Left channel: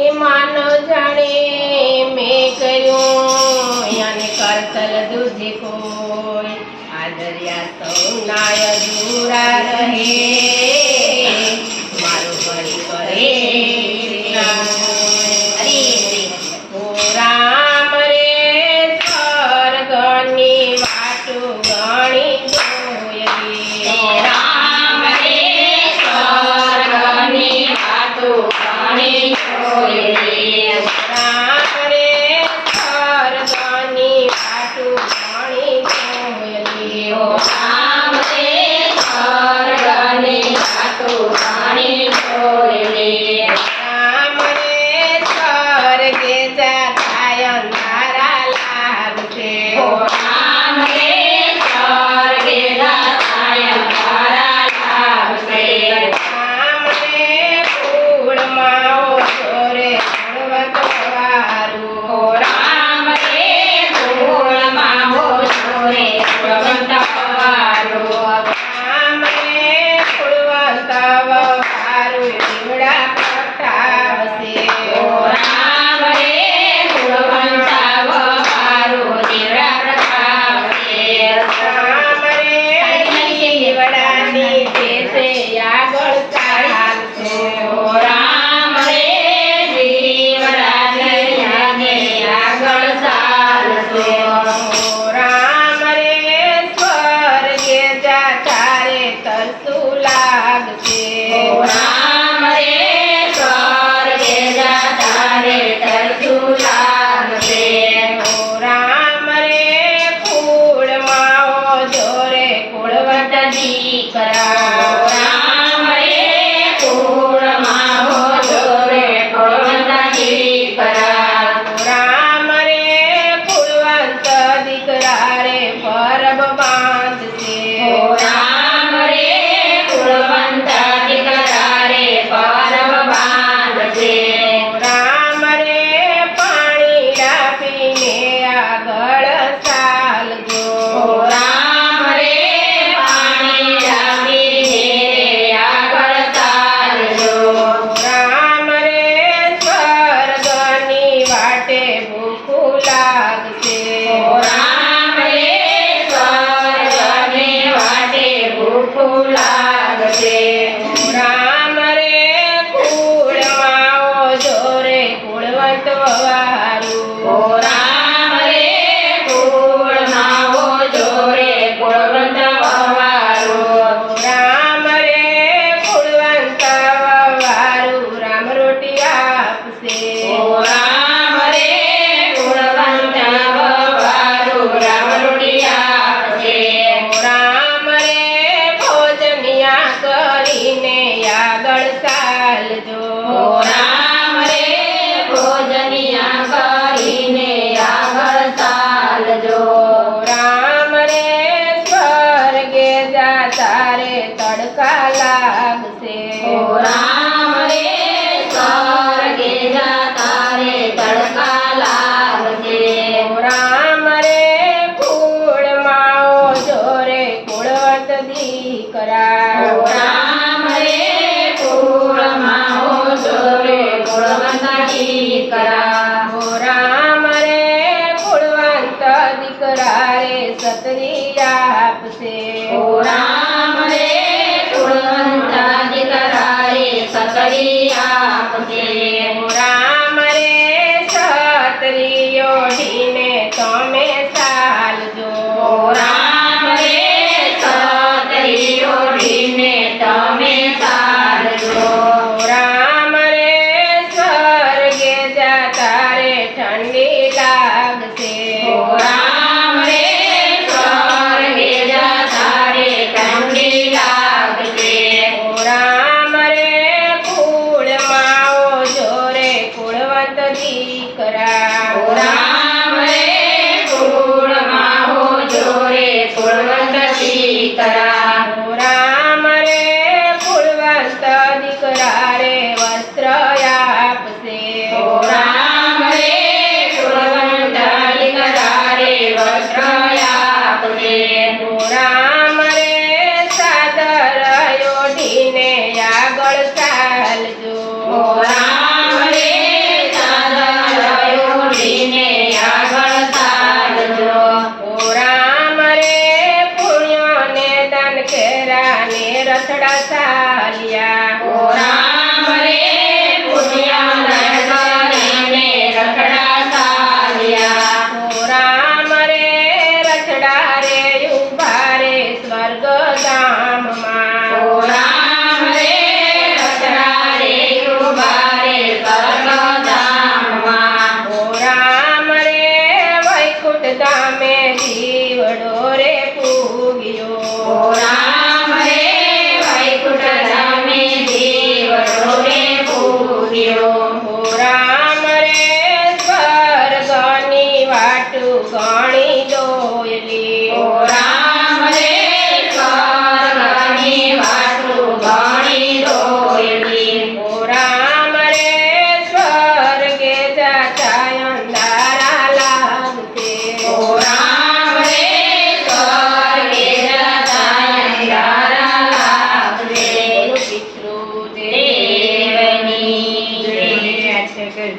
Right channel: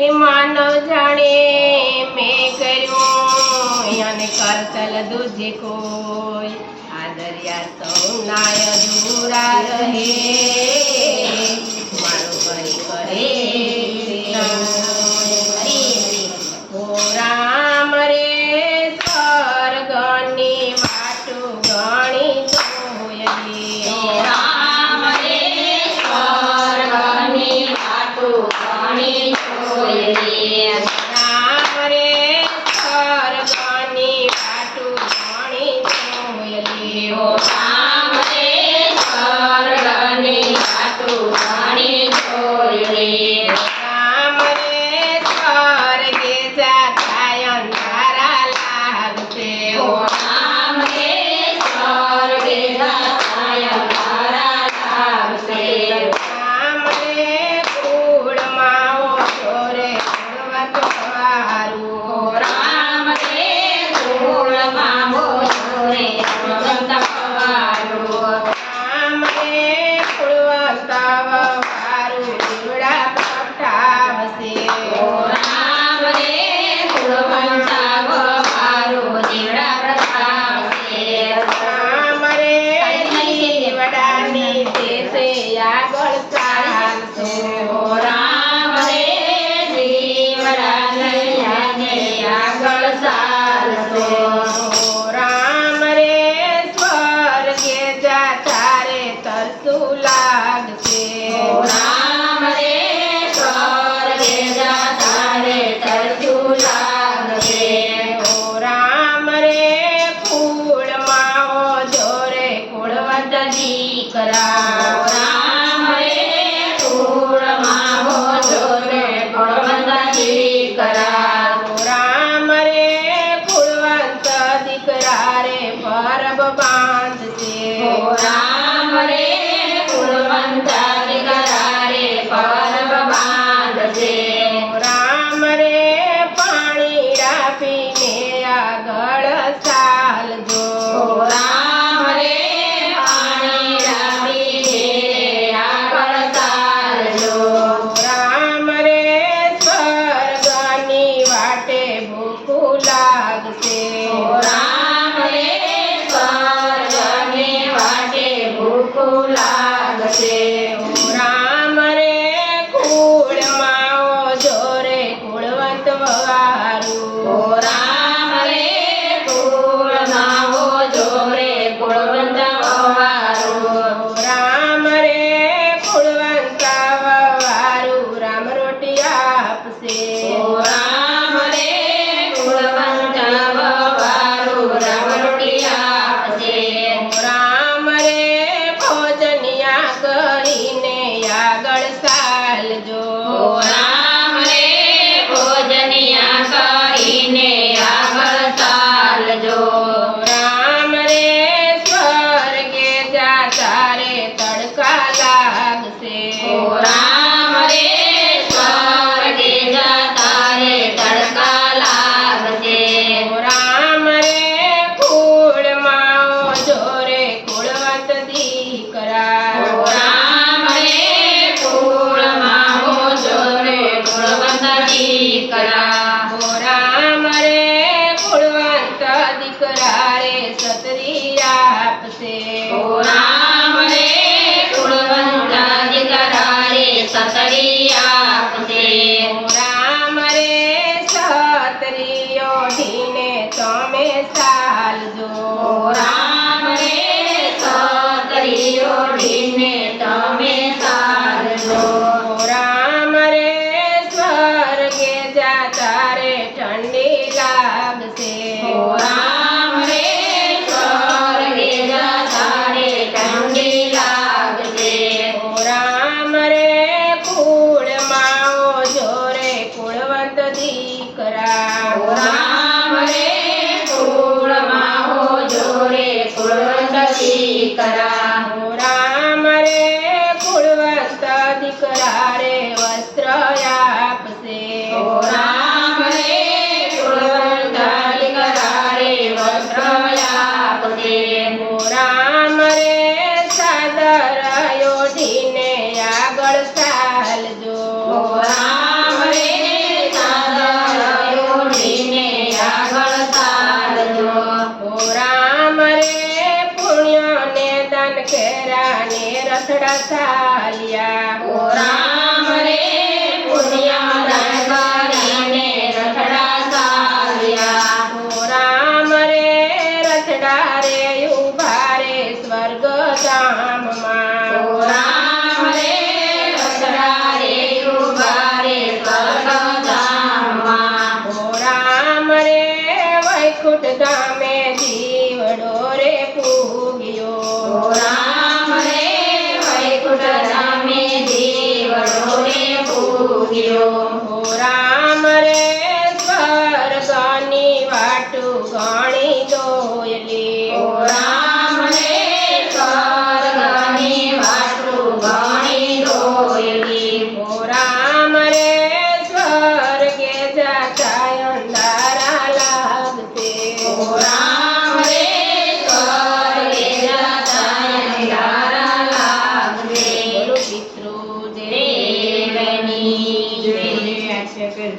હે માનવ જાણે મેં કર્યું અને કરતલ દૂજી કોઈ આ દરિયા સૌના અધૂરા રહે મારું ઘડી કરે ઓ રામ રે સ્વર્ગની વાટું ગણી જોઈએ રામ રે સ્વર્ગની વાટું ગણી જોઈએ રામ રે સ્વર્ગની વાટું ગણી જોઈએ રામ રે સ્વર્ગની વાટું ગણી જોઈએ રામ રે સ્વર્ગે જાતા અંધારા લાગશે રામ રે સ્વર્ગે જાતા અંધારા લાગશે રામ રે ફૂલમાં ઓછો રે હળવદ વારું રામ રે ધૂળમાં મોજો રે ભગવંત વારું રામ રે ફૂલવંત વારું દીવડા પઠાવશે રામ રે ધૂળવંત વારું દીવડા પ્રતાપશે રામ રે દીવડાની દેશે આગળ ચાલશે રામ રે દીવડાને યાદે આગળ ચાલશે રામ રે સ્વર્ગે જાતા રે તરસું લાગશે રામ રે સ્વર્ગે જાતા રે તરસું લાગશે રામ રે ફૂલમાં ઓજો રે કુળવંત દીકરા રામ રે ફૂલમાં મોજો રે ફળવંત દીકરા રામ રે ફૂલવંત દીકરા રે પરબ બાંધશે રામ રે ફૂલવંત દીકરા રે પરબ બાંધશે રામ રે પાણી રાખીને આગળ ચાલજો રામ રે પાણી રાખીને આગળ ચાલજો રામ રે સ્વર્ગની વાટે ભૂખું લાગશે રામ રે સ્વર્ગની વાટે ભૂખું લાગશે રામ રે કુળમાં ઓજો રે કુળવંત વારું રામ રે કુળમાં ઓજો રે કુળવંત વારું રામ રે કુળવંત વારું રામ રોટી આપશે રામ રે કુળવંત વારું રામ રોટી આપશે રામ રે ભોજનિયા કરીને આગળ ચાલજો રામ રે ભોજનિયા કરીને આગળ ચાલજો રામ રે સ્વર્ગે જાતા રે તડકા લાગશે રામ રે સ્વર્ગે જાતા રે તડકા લાગશે રામ રે કુળમાં ઓજો રે કુળવંત દીકરા રામ રે કુળમાં ઓજો ગયો